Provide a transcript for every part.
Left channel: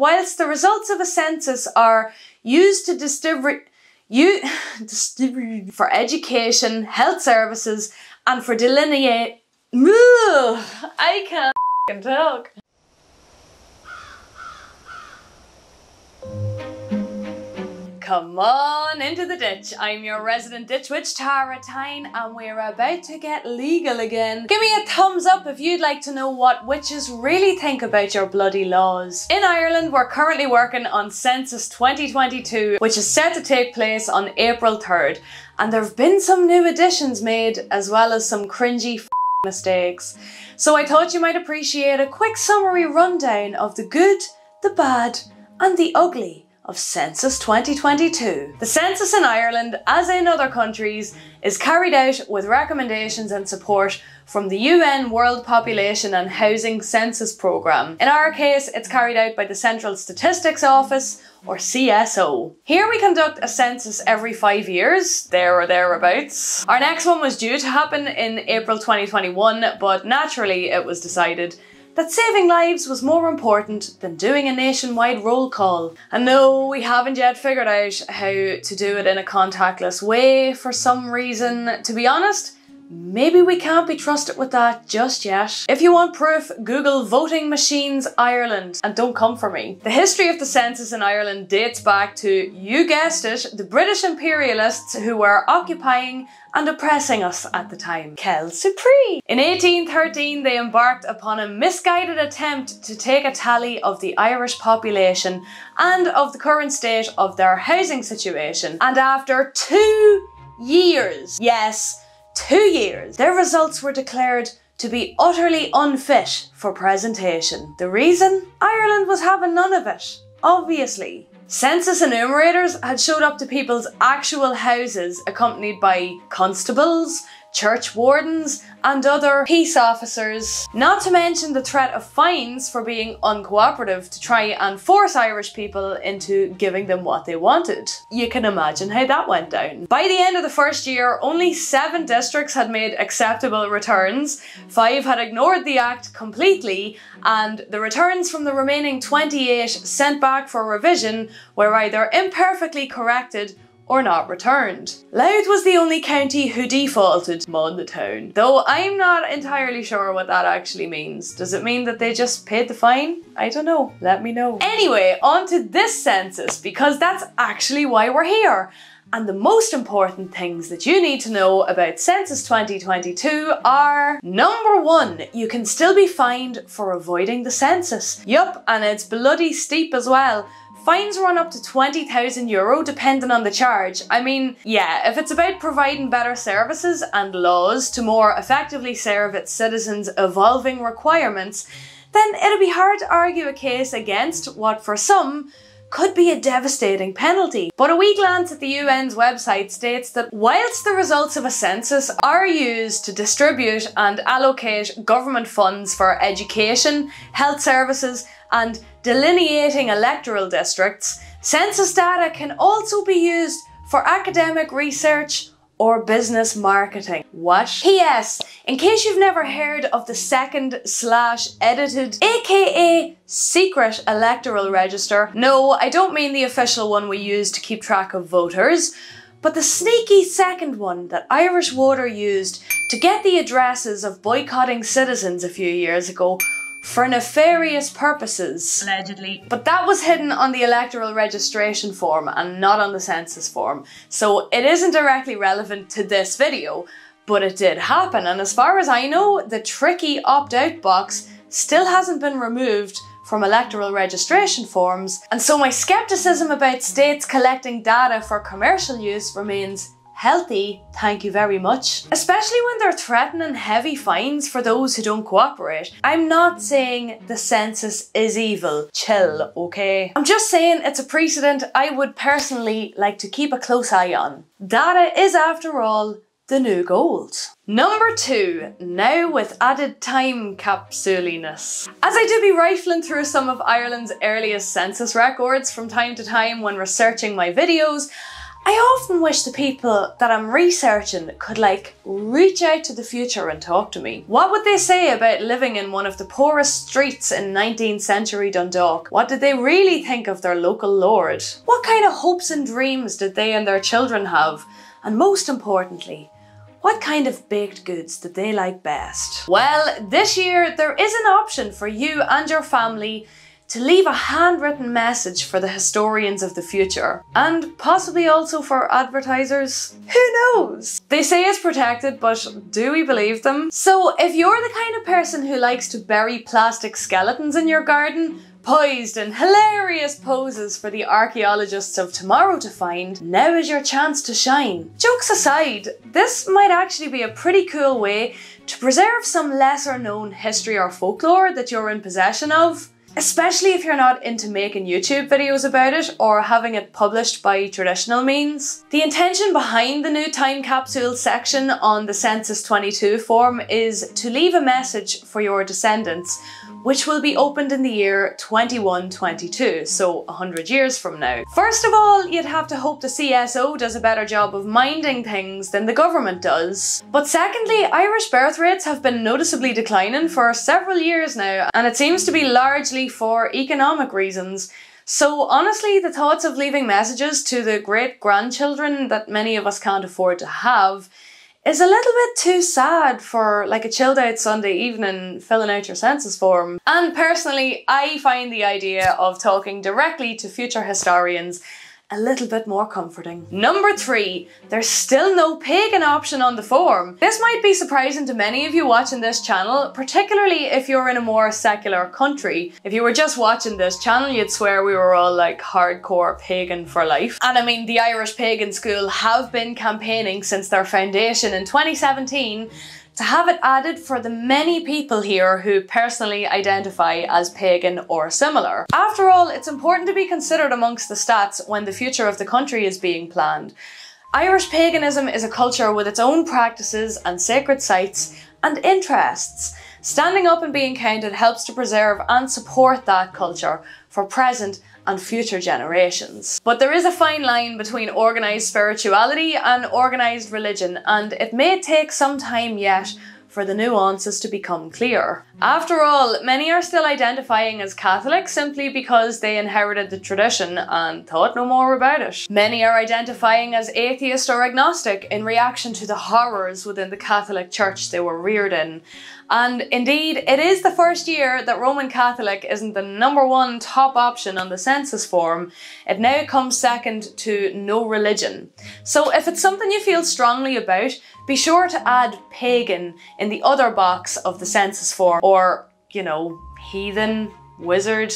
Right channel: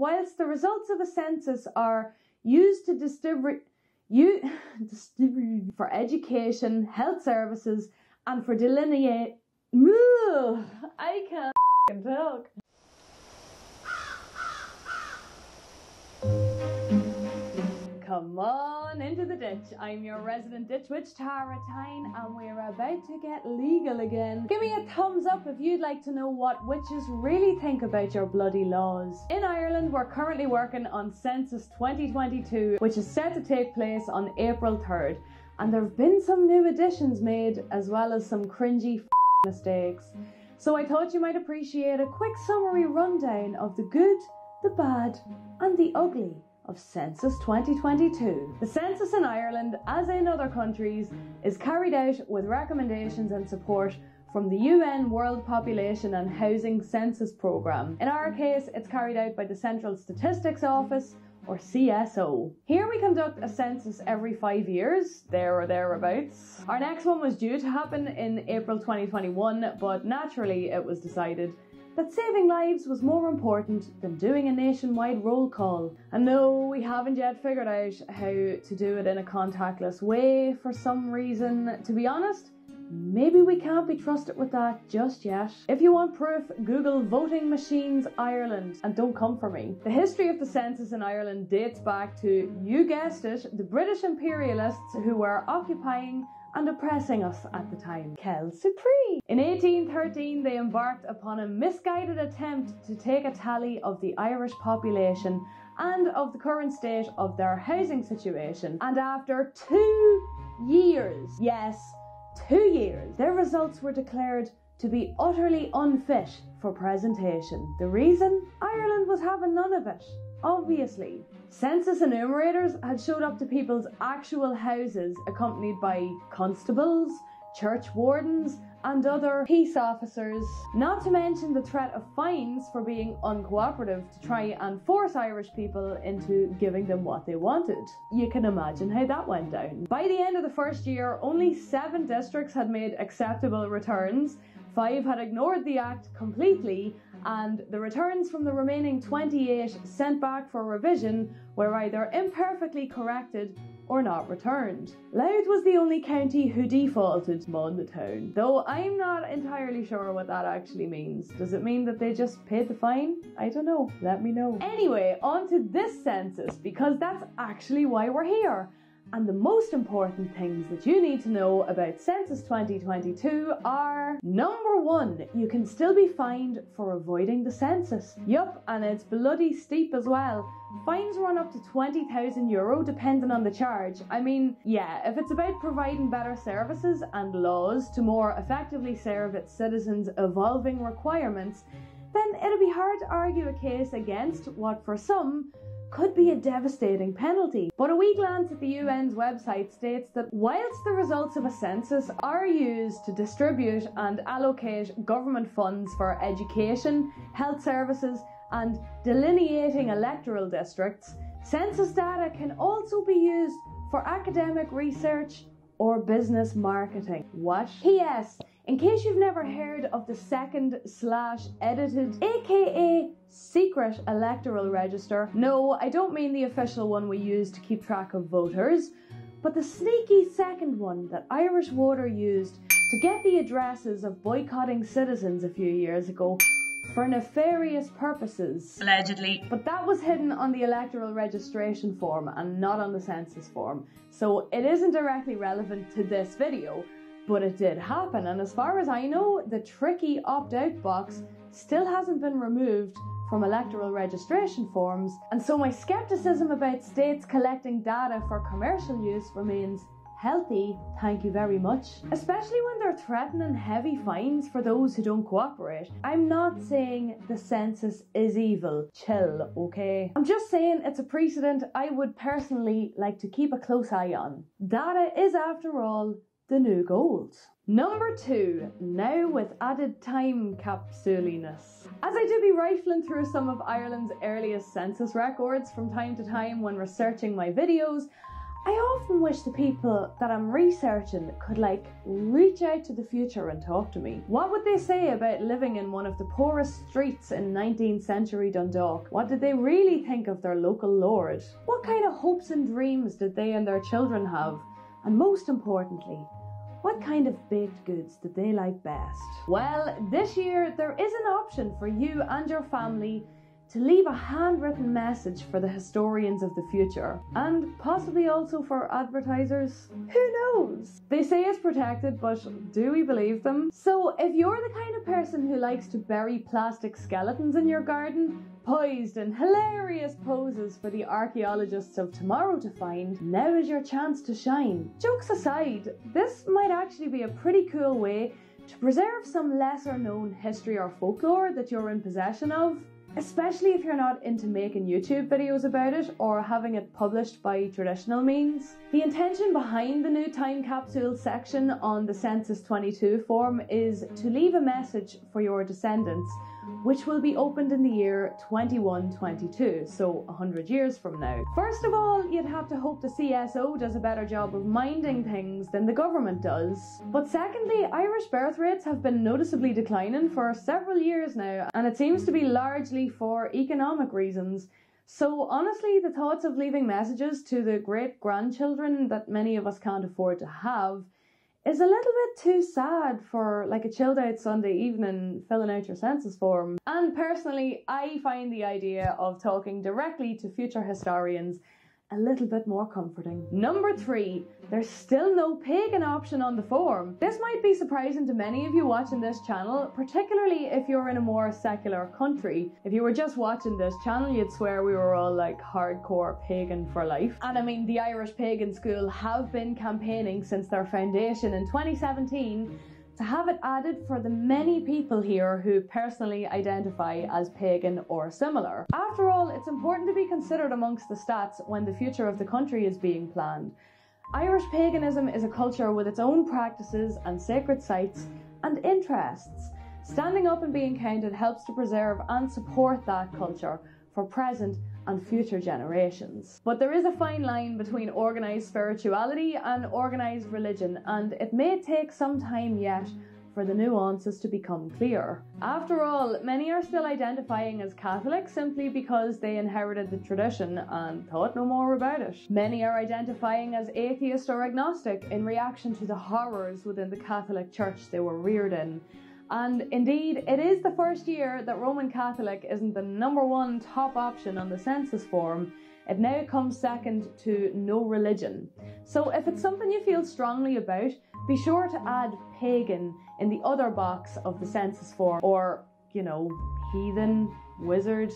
Whilst the results of a census are used to distribute for education, health services, and for delineate. I can't talk. Come on into the ditch. I'm your resident ditch witch, Tine, and we're about to get legal again. Give me a thumbs up if you'd like to know what witches really think about your bloody laws. In Ireland, we're currently working on Census 2022, which is set to take place on April 3rd. And there have been some new additions made, as well as some cringy mistakes. So I thought you might appreciate a quick summary rundown of the good, the bad, and the ugly of Census 2022. The census in Ireland, as in other countries, is carried out with recommendations and support from the UN World Population and Housing Census Programme. In our case, it's carried out by the Central Statistics Office, or CSO. Here we conduct a census every 5 years, there or thereabouts. Our next one was due to happen in April 2021, but naturally it was decided that saving lives was more important than doing a nationwide roll call. And no, we haven't yet figured out how to do it in a contactless way for some reason. To be honest, maybe we can't be trusted with that just yet. If you want proof, Google voting machines Ireland and don't come for me. The history of the census in Ireland dates back to, you guessed it, the British imperialists who were occupying and oppressing us at the time. Quelle surprise! In 1813, they embarked upon a misguided attempt to take a tally of the Irish population and of the current state of their housing situation. And after 2 years, yes, 2 years, their results were declared to be utterly unfit for presentation. The reason? Ireland was having none of it, obviously. Census enumerators had showed up to people's actual houses accompanied by constables, church wardens, and other peace officers. Not to mention the threat of fines for being uncooperative to try and force Irish people into giving them what they wanted. You can imagine how that went down. By the end of the first year, only 7 districts had made acceptable returns, 5 had ignored the act completely, and the returns from the remaining 28 sent back for revision were either imperfectly corrected or not returned. Louth was the only county who defaulted on the town, though I'm not entirely sure what that actually means. Does it mean that they just paid the fine? I don't know, let me know. Anyway, on to this census, because that's actually why we're here. And the most important things that you need to know about Census 2022 are: number 1, you can still be fined for avoiding the census. Yup, and it's bloody steep as well. Fines run up to €20,000 depending on the charge. I mean, yeah, if it's about providing better services and laws to more effectively serve its citizens' evolving requirements, then it'll be hard to argue a case against what for some could be a devastating penalty. But a wee glance at the UN's website states that whilst the results of a census are used to distribute and allocate government funds for education, health services, and delineating electoral districts, census data can also be used for academic research or business marketing. What? P.S. In case you've never heard of the second/edited, aka secret electoral register, no, I don't mean the official one we use to keep track of voters, but the sneaky second one that Irish Voter used to get the addresses of boycotting citizens a few years ago for nefarious purposes. Allegedly. But that was hidden on the electoral registration form and not on the census form, so it isn't directly relevant to this video, but it did happen, and as far as I know, the tricky opt-out box still hasn't been removed from electoral registration forms, and so my skepticism about states collecting data for commercial use remains healthy, thank you very much. Especially when they're threatening heavy fines for those who don't cooperate. I'm not saying the census is evil. Chill, okay? I'm just saying it's a precedent I would personally like to keep a close eye on. Data is, after all, the new gold. Number 2, now with added time capsuliness. As I do be rifling through some of Ireland's earliest census records from time to time when researching my videos, I often wish the people that I'm researching could like reach out to the future and talk to me. What would they say about living in one of the poorest streets in 19th century Dundalk? What did they really think of their local lord? What kind of hopes and dreams did they and their children have? And most importantly, what kind of baked goods did they like best? Well, this year there is an option for you and your family to leave a handwritten message for the historians of the future, and possibly also for advertisers. Who knows? They say it's protected, but do we believe them? So if you're the kind of person who likes to bury plastic skeletons in your garden, poised in hilarious poses for the archaeologists of tomorrow to find, now is your chance to shine. Jokes aside, this might actually be a pretty cool way to preserve some lesser known history or folklore that you're in possession of. Especially if you're not into making YouTube videos about it or having it published by traditional means. The intention behind the new time capsule section on the Census 22 form is to leave a message for your descendants, which will be opened in the year 2122, so 100 years from now. First of all, you'd have to hope the CSO does a better job of minding things than the government does. But secondly, Irish birth rates have been noticeably declining for several years now, and it seems to be largely for economic reasons. So honestly, the thoughts of leaving messages to the great-grandchildren that many of us can't afford to have is a little bit too sad for like a chilled out Sunday evening filling out your census form. And personally, I find the idea of talking directly to future historians a little bit more comforting. Number 3, there's still no pagan option on the form. This might be surprising to many of you watching this channel, particularly if you're in a more secular country. If you were just watching this channel, you'd swear we were all like hardcore pagan for life. And I mean, the Irish Pagan School have been campaigning since their foundation in 2017 to have it added for the many people here who personally identify as pagan or similar. After all, it's important to be considered amongst the stats when the future of the country is being planned. Irish paganism is a culture with its own practices and sacred sites and interests. Standing up and being counted helps to preserve and support that culture for present and future generations. But there is a fine line between organised spirituality and organised religion, and it may take some time yet for the nuances to become clear. After all, many are still identifying as Catholic simply because they inherited the tradition and thought no more about it. Many are identifying as atheist or agnostic in reaction to the horrors within the Catholic Church they were reared in. And indeed, it is the first year that Roman Catholic isn't the #1 top option on the census form. It now comes second to no religion. So if it's something you feel strongly about, be sure to add pagan in the other box of the census form, or, you know, heathen, wizard,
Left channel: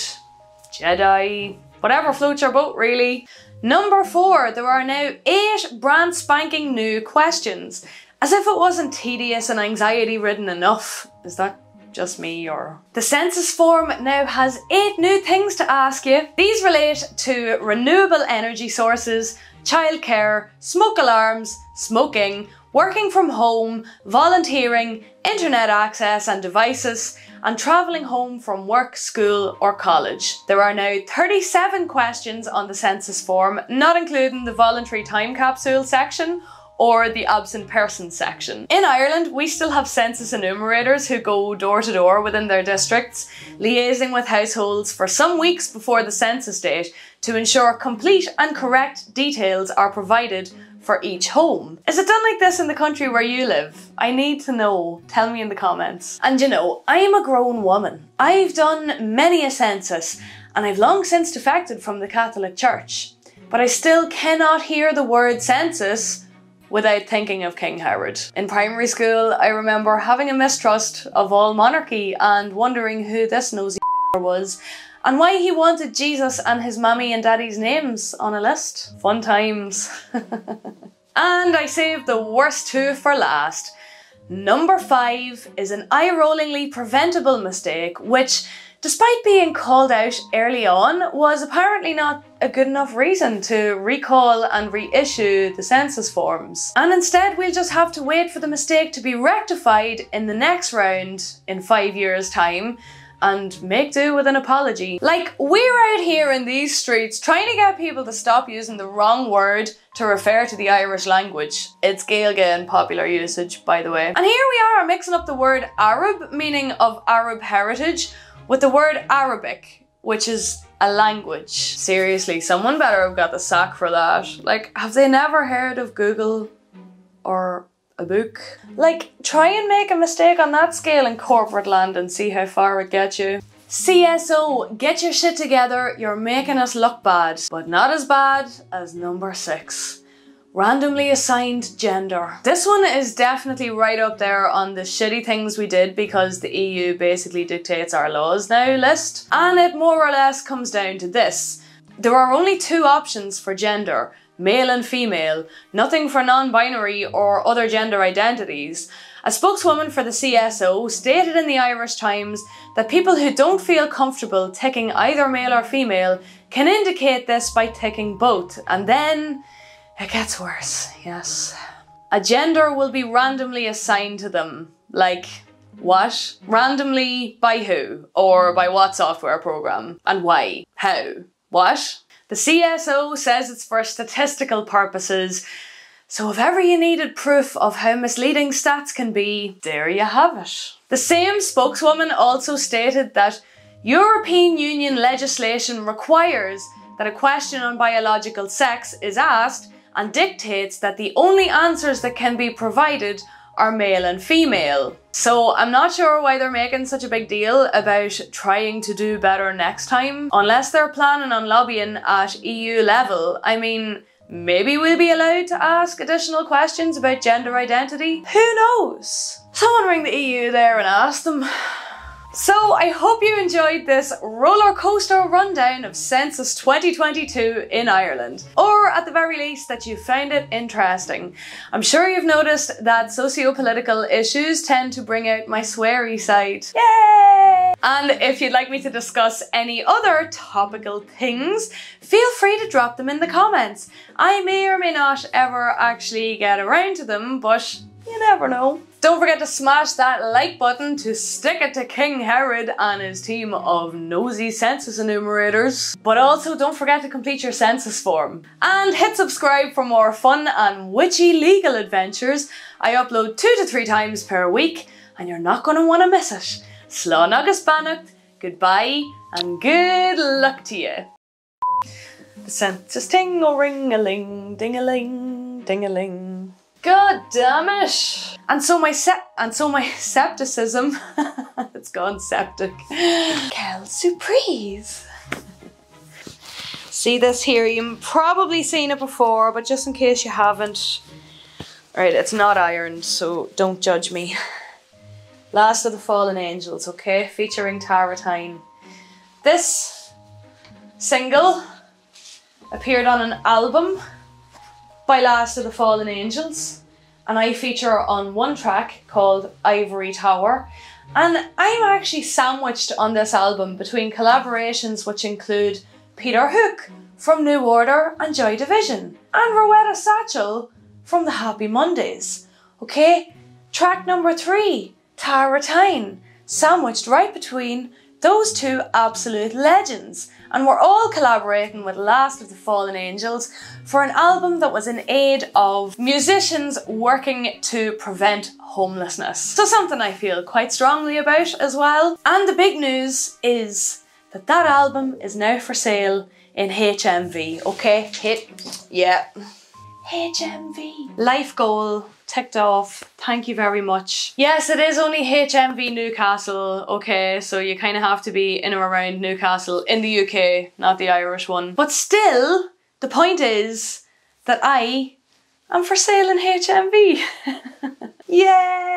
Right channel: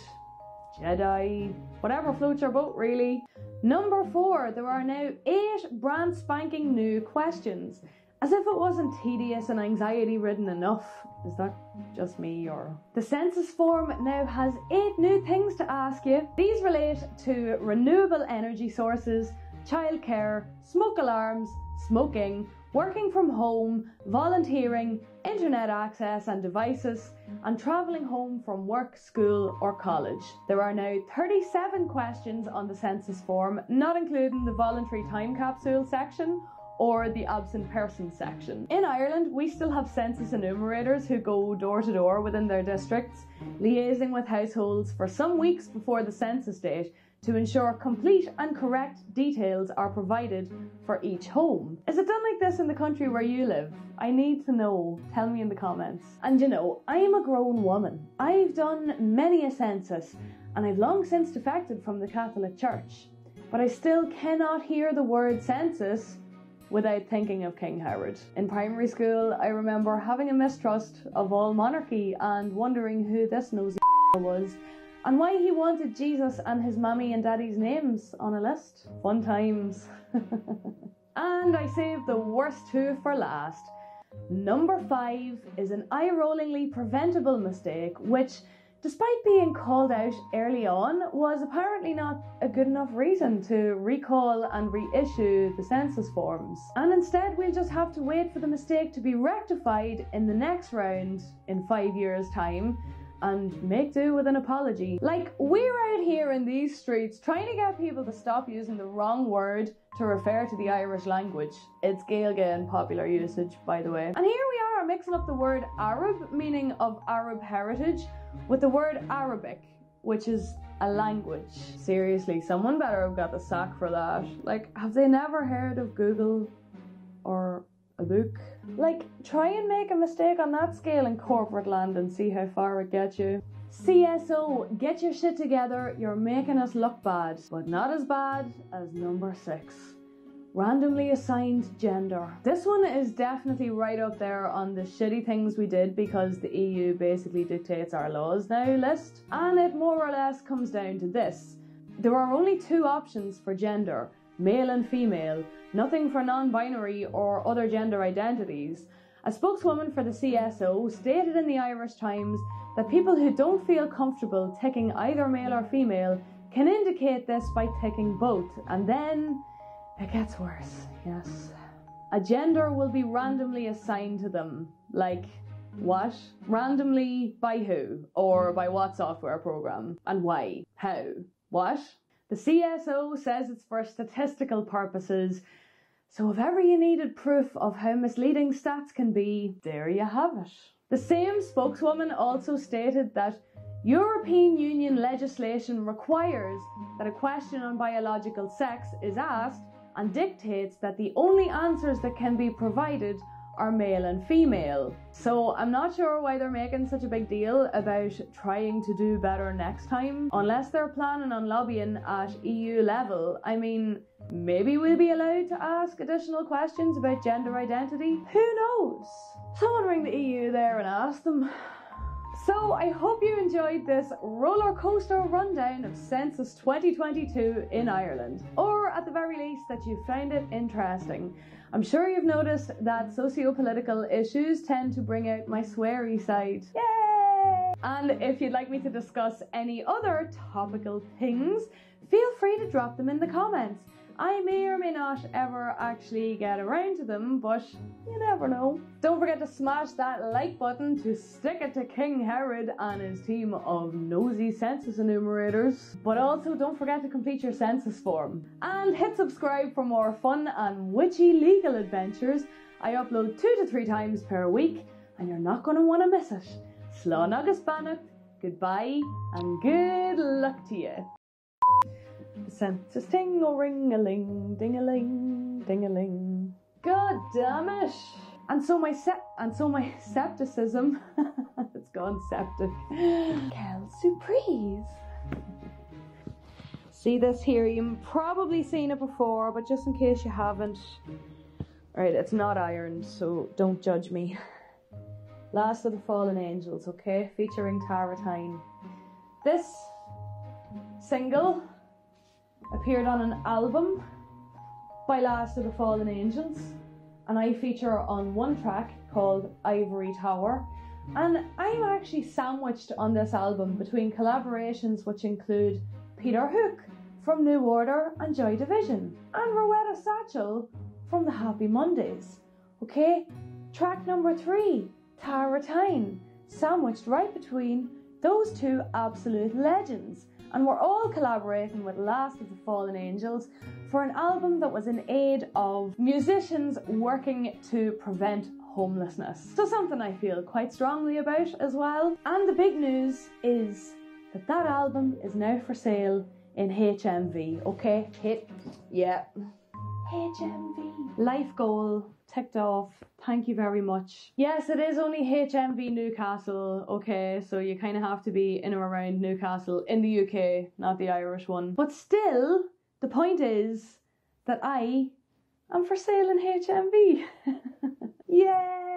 Jedi, whatever floats your boat really. Number 4, there are now 8 brand spanking new questions. As if it wasn't tedious and anxiety-ridden enough. Is that just me or? The census form now has 8 new things to ask you. These relate to renewable energy sources, childcare, smoke alarms, smoking, working from home, volunteering, internet access and devices, and travelling home from work, school or college. There are now 37 questions on the census form, not including the voluntary time capsule section or the absent person section. In Ireland, we still have census enumerators who go door to door within their districts, liaising with households for some weeks before the census date to ensure complete and correct details are provided for each home. Is it done like this in the country where you live? I need to know. Tell me in the comments. And you know, I am a grown woman. I've done many a census, and I've long since defected from the Catholic Church. But I still cannot hear the word census without thinking of King Herod. In primary school, I remember having a mistrust of all monarchy and wondering who this nosy was and why he wanted Jesus and his mammy and daddy's names on a list. Fun times. And I saved the worst 2 for last. Number 5 is an eye-rollingly preventable mistake which, despite being called out early on, was apparently not a good enough reason to recall and reissue the census forms. And instead we'll just have to wait for the mistake to be rectified in the next round in 5 years' time, and make do with an apology. Like, we're out here in these streets trying to get people to stop using the wrong word to refer to the Irish language. It's Gaeilge in popular usage, by the way. And here we are mixing up the word Arab, meaning of Arab heritage, with the word Arabic, which is a language. Seriously, someone better have got the sack for that. Like, have they never heard of Google or a book? Like, try and make a mistake on that scale in corporate land and see how far it gets you. CSO, get your shit together, you're making us look bad. But not as bad as number 6. Randomly assigned gender. This one is definitely right up there on the shitty things we did because the EU basically dictates our laws now list. And it more or less comes down to this. There are only 2 options for gender, male and female, nothing for non-binary or other gender identities. A spokeswoman for the CSO stated in the Irish Times that people who don't feel comfortable ticking either male or female can indicate this by ticking both, and then it gets worse, yes. A gender will be randomly assigned to them. Like, what? Randomly by who? Or by what software program? And why? How? What? The CSO says it's for statistical purposes, so if ever you needed proof of how misleading stats can be, there you have it. The same spokeswoman also stated that European Union legislation requires that a question on biological sex is asked and dictates that the only answers that can be provided are male and female. So I'm not sure why they're making such a big deal about trying to do better next time, unless they're planning on lobbying at EU level. I mean, maybe we'll be allowed to ask additional questions about gender identity? Who knows? Someone ring the EU there and ask them. So I hope you enjoyed this roller coaster rundown of Census 2022 in Ireland. Or at the very least that you found it interesting. I'm sure you've noticed that socio-political issues tend to bring out my sweary side. Yay! And if you'd like me to discuss any other topical things, feel free to drop them in the comments. I may or may not ever actually get around to them, but you never know. Don't forget to smash that like button to stick it to King Herod and his team of nosy census enumerators. But also don't forget to complete your census form. And hit subscribe for more fun and witchy legal adventures. I upload 2 to 3 times per week and you're not going to want to miss it. Slán agus beannacht, goodbye and good luck to you. The census ting-a-ring-a-ling, ding-a-ling, ding-a-ling. God damn it! And so my septicism, it's gone septic. Quelle surprise! See this here, you've probably seen it before, but just in case you haven't. Alright, it's not ironed, so don't judge me. Last of the Fallen Angels, okay? Featuring Tine. This single appeared on an album by Last of the Fallen Angels, and I feature on one track called Ivory Tower, and I'm actually sandwiched on this album between collaborations which include Peter Hook from New Order and Joy Division, and Rowetta Satchel from the Happy Mondays. Okay, track number 3, Tine, sandwiched right between those 2 absolute legends. And we're all collaborating with Last of the Fallen Angels for an album that was in aid of musicians working to prevent homelessness. So something I feel quite strongly about as well. And the big news is that that album is now for sale in HMV, okay? Yeah. HMV. Life goal ticked off. Thank you very much. Yes, it is only HMV Newcastle, okay, so you kind of have to be in or around Newcastle in the UK, not the Irish one. But still, the point is that I am for sale in HMV. Yay!